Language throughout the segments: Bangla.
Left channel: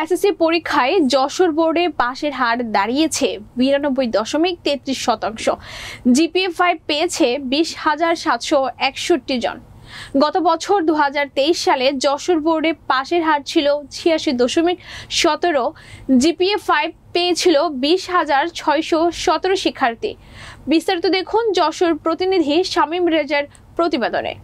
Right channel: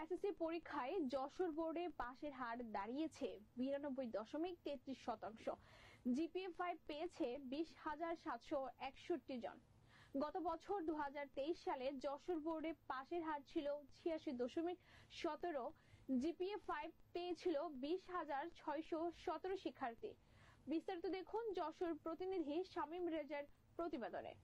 এসএসসি পরীক্ষায় যশোর বোর্ডে পাশের হার দাঁড়িয়েছে 92.33%। জিপিএ 5 পেয়েছে 20,761 জন। গত বছর 2023 সালে যশোর বোর্ডে পাশের হার ছিল 86.17। জিপিএ 5 পেয়েছিল 20,617 শিক্ষার্থী। বিস্তারিত দেখুন যশোর প্রতিনিধি শামীম রেজার প্রতিবেদনে।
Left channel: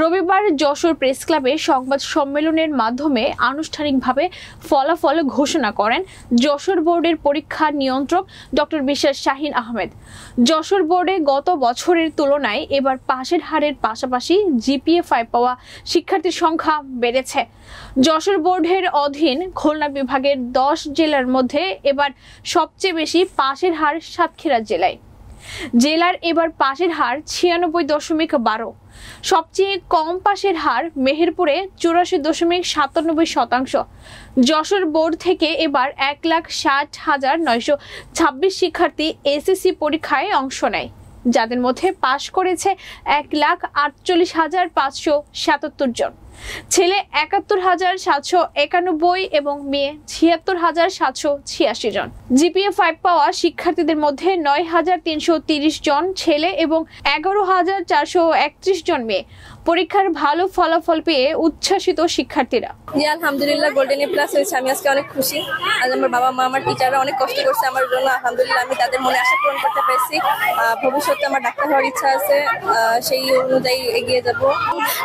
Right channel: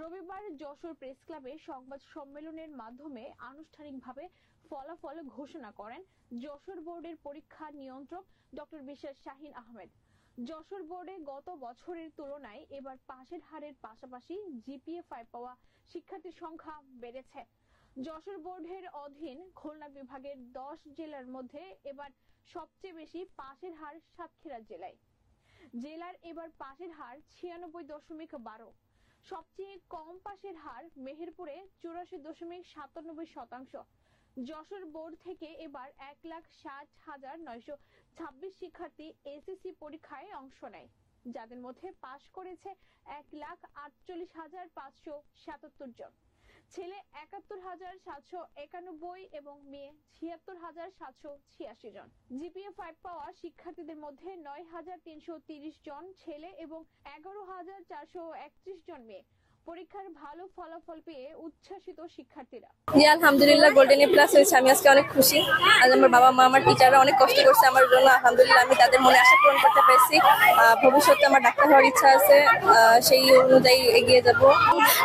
রবিবার যশোর প্রেস ক্লাবে সংবাদ সম্মেলনের মাধ্যমে আনুষ্ঠানিকভাবে ফলাফল ঘোষণা করেন যশোর বোর্ডের পরীক্ষা নিয়ন্ত্রক ডক্টর বিশ্বাস শাহিন আহমেদ। যশোর বোর্ডে গত বছরের তুলনায় এবার পাশের হারের পাশাপাশি জিপিএ 5 পাওয়া শিক্ষার্থীর সংখ্যা বেড়েছে। যশোর বোর্ডের অধীন খুলনা বিভাগের 10 জেলার মধ্যে এবার সবচেয়ে বেশি পাশের হার সাতক্ষীরা জেলার এবার পাশের হার 96.12। সবচেয়ে কম পাশের হার মেহেরপুরে 84.97%। যশোর বোর্ড থেকে এবার 1,60,926 শিক্ষার্থী এসএসসি পরীক্ষায় অংশ নেয়, যাদের মধ্যে পাশ করেছে 1,48,577 জন। ছেলে 71,791 এবং মেয়ে 76,786 জন। জিপিএ 5 পাওয়া শিক্ষার্থীদের মধ্যে 9,330 জন ছেলে এবং 11,431 জন মেয়ে। পরীক্ষার ভালো ফলাফল পেয়ে উচ্ছ্বাসিত শিক্ষার্থীরা। আলহামদুলিল্লাহ গোল্ডেন এ প্লাস হয়েছে, আমি আজকে অনেক খুশি। আজ আমার বাবা মা আমার টিচাররা অনেক কষ্ট করছে আমার জন্য, আলহামদুলিল্লাহ আমি তাদের মনে আশা পূরণ করতে পেরেছি। ভবিষ্যতে আমার ডাক্তার হওয়ার ইচ্ছা আছে, সেই অনুযায়ী এগিয়ে যাব।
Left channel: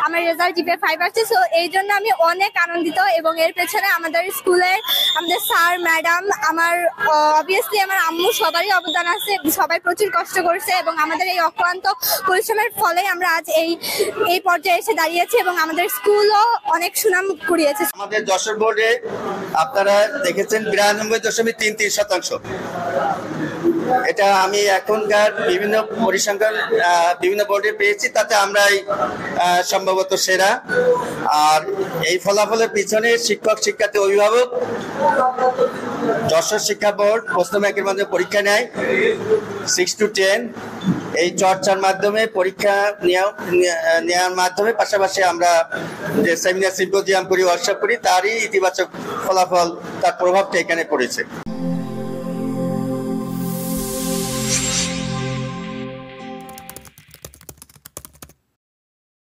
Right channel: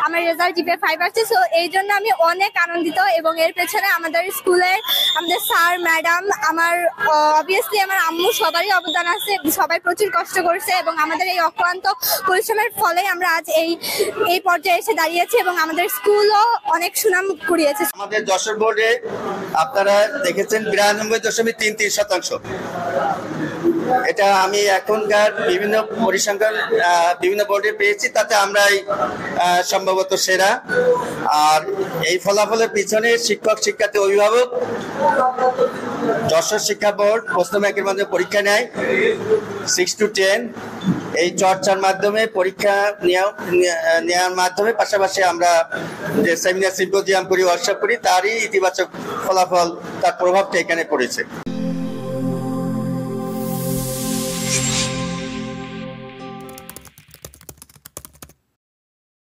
আমার রেজাল্ট জিপিএ 5 আসছে, সো এই জন্য আমি অনেক আনন্দিত এবং এর পেছনে আমাদের স্কুলের আমাদের স্যার ম্যাডাম, আমার অবভিয়াসলি আমার আম্মু সবারই অবদান আছে। সবাই প্রচুর কষ্ট করছে এবং আমাদের এই অক্লান্ত পরিশ্রমের ফলে আমরা আজ এই পর্যায়ে এসে দাঁড়িয়েছি এবং আমাদের স্কুলও অনেক সুনাম কুড়িয়েছে। আমাদের যশোর বোর্ডে আপনারা দেখেছেন 92.33%। এটা আমি এখনকার বিভিন্ন পরিসংখ্যান বিভিন্ন বোর্ডে পেয়েছি, তাতে আমরাই সম্ভবত সেরা। আর এই ফলাফলের পিছনে শিক্ষক শিক্ষার্থী অভিভাবক, যশোর শিক্ষা বোর্ড প্রশ্ন ব্যাংকের মাধ্যমে পরীক্ষা নেয় 6 to 10। এই চর্চার মাধ্যমে পরীক্ষা নেওয়ার মাধ্যমে পাশাপাশি আমরা যে সেমিনার সিম্পোজিয়াম করি, ওয়ার্কশপ করি, তারই ইতিবাচক ফলাফল, তার প্রভাবটা এখানে পড়েছে।